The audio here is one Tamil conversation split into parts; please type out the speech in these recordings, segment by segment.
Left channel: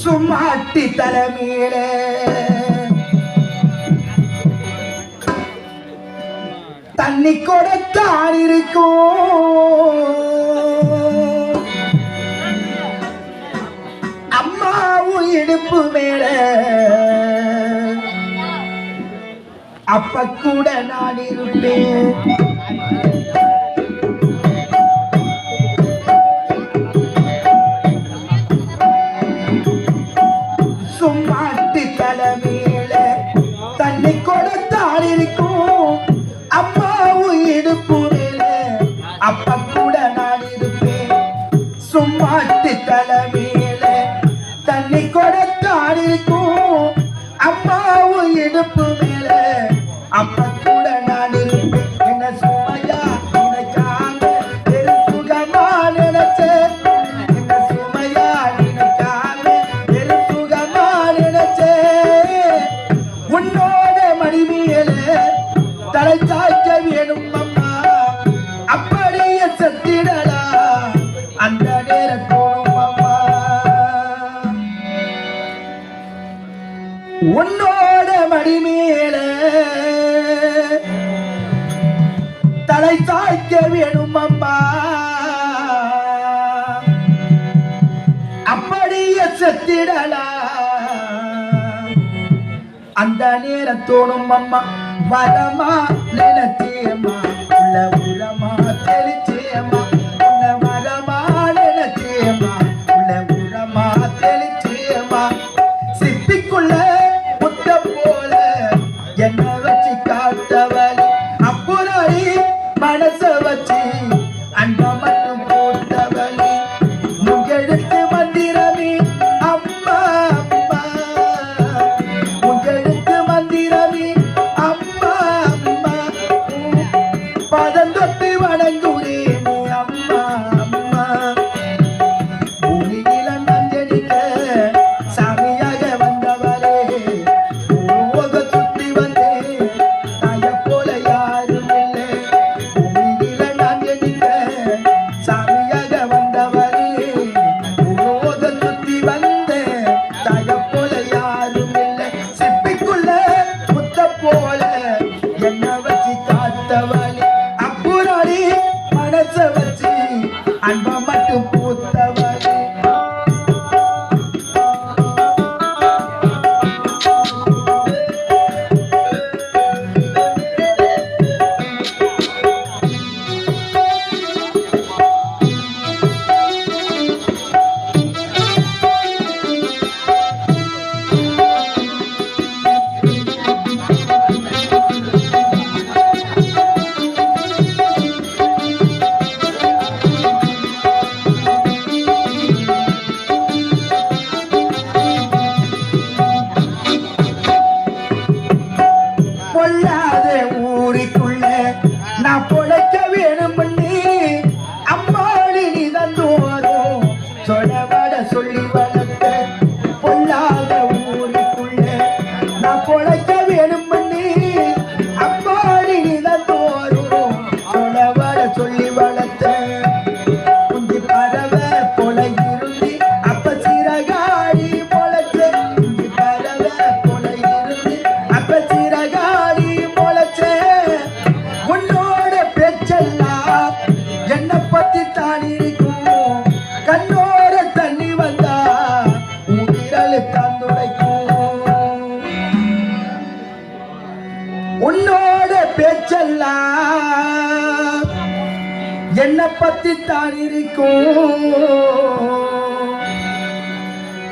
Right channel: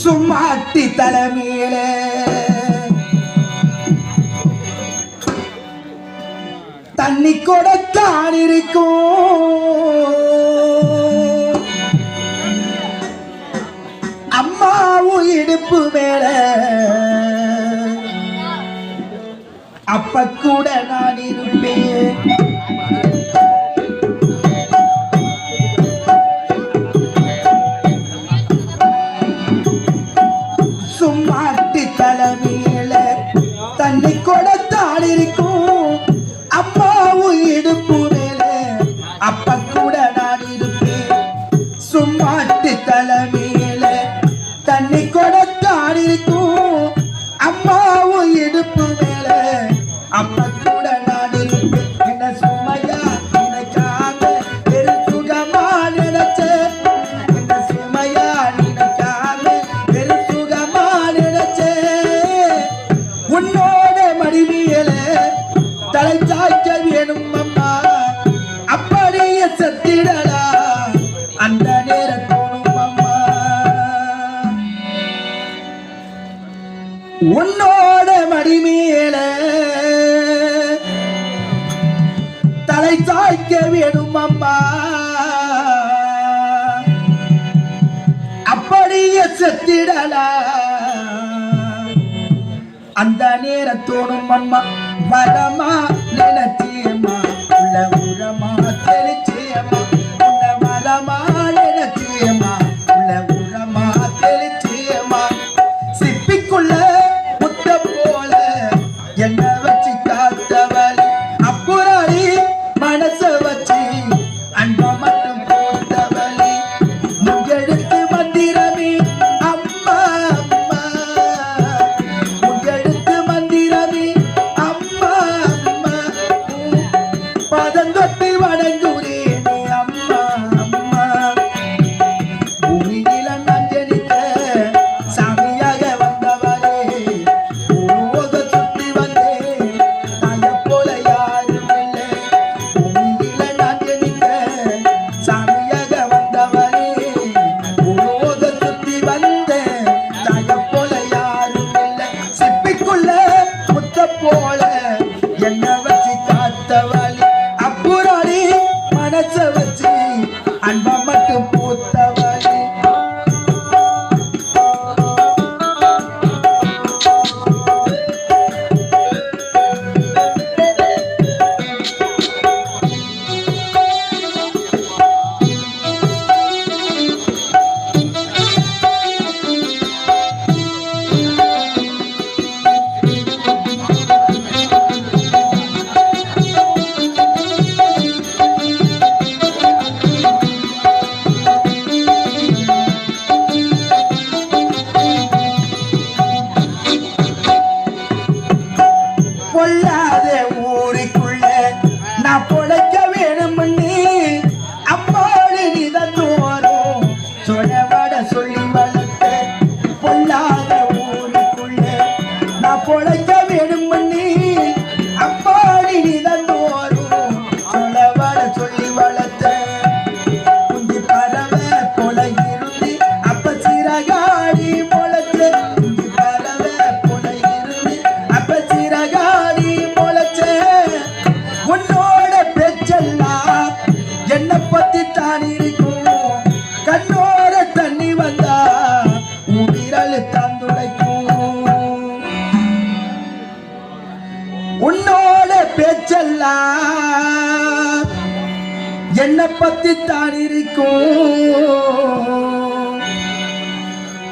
சும்மாட்டி தலைமையில தண்ணி கொடுத்தான் இருக்கும் அம்மாவும் இடுப்பு மேல அப்ப கூட நான் இருப்பேன் சும்மாட்டி தலைமையில தண்ணி கொடுத்தான் இருக்கும் அம்மாவும் இடுப்பு மேல அப்ப கூட நான் இருப்பேன் சும்மாட்டி தலைமையில தண்ணி கொடுத்தான் இருக்கும் அம்மாவும் இடுப்பு மேல அப்ப கூட நான் இருப்பேன் என்ன சுமையா நினைக்காம வெறும் சுகமா நினைச்சேன் என்ன சுமையா நினைக்காம வெறும் சுகமா நினைச்சேன் உன்னோட மடிமையில தலை சாய்க்க வேணும் அம்மா அப்படியே செத்திடலா அந்த நேரம் தோணும் அம்மா உன்னோட மடிமையில தலை சாய்க்க வேணும் அம்மா அப்படியே செத்திடலா அந்த நேரம் தோணும் அம்மா வரமா நினைச்சேம்மா உள்ள உரமா தெளிச்சேம்மா உன்ன வரமா நினைச்சேம்மா உள்ள உரமா தெளிச்சேம்மா சிப்பிக்குள்ள முத்த போல என்ன வச்சு காத்தவளி அப்புறாயி மனச வச்சு அன்ப மட்டும் போட்டவளி முகெடுத்து மந்திரமே அம்மா அம்மா முகெடுத்து மந்திரமே அம்மா அம்மா பதந்தொட்டு வணங்குறேனே அம்மா அம்மா பூமியில நஞ்சரிக்க சாமியாக வந்தவளே பூவோக சுத்தி வந்தே தாய போல யாரும் இல்லை பூமியில நஞ்சரிக்க சாமியாக வந்தவளே பூவோக சுத்தி வந்தே தாய போல யாரும் இல்லை சிப்பிக்குள்ள முத்த போல என்ன வச்சு காத்தவளே அப்புறாடி மனச வச்சு அன்ப மட்டும் பூத்தவளே பொல்லாத ஊருக்குள்ள நான் பொழைக்க வேணுமண்ணி அம்மாடி நிதந்தோறும் சொல்லவட சொல்லி வளர்த்த பொல்லாத ஊருக்குள்ள நான் பொழைக்க வேணுமண்ணி அம்மாடி நிதந்தோறும் சொல்லவட சொல்லி வளர்த்த குஞ்சி பறவை போல இருந்து அப்ப சிறகாடி பொழைச்ச குஞ்சி பறவை போல இருந்து அப்ப சிறகாடி பொழைச்ச உன்னோட பேச்செல்லாம் என்ன பத்தி தான் இருக்கும் கண்ணோட தண்ணி வந்தா உன் விரல் தான் துடைக்கும் உன்னோட பேச்செல்லாம் என்ன பத்தி தான் இருக்கும்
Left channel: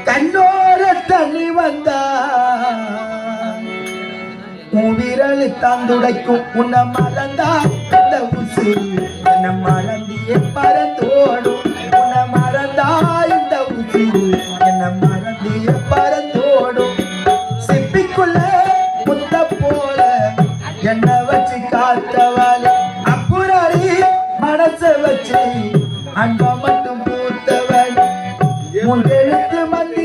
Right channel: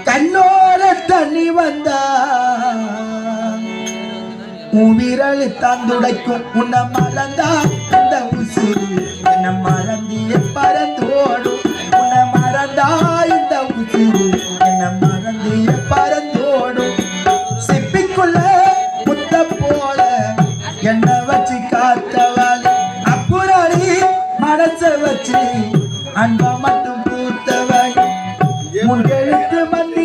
கண்ணோட தண்ணி வந்தா உன் விரல் தான் துடைக்கும் உன்னை மறந்தா இந்த உசிறு என்ன மறந்திய பறந்தோடும் உன்னை மறந்தா இந்த உசிறு என்ன மறந்திய பறந்தோடும் சிப்பிக்குள்ள முத்த போல என்ன வச்சு காத்தவளே அப்புறாடி மனச வச்சு அன்ப மட்டும் பூத்தவள் முன்னெழுத்து மந்தி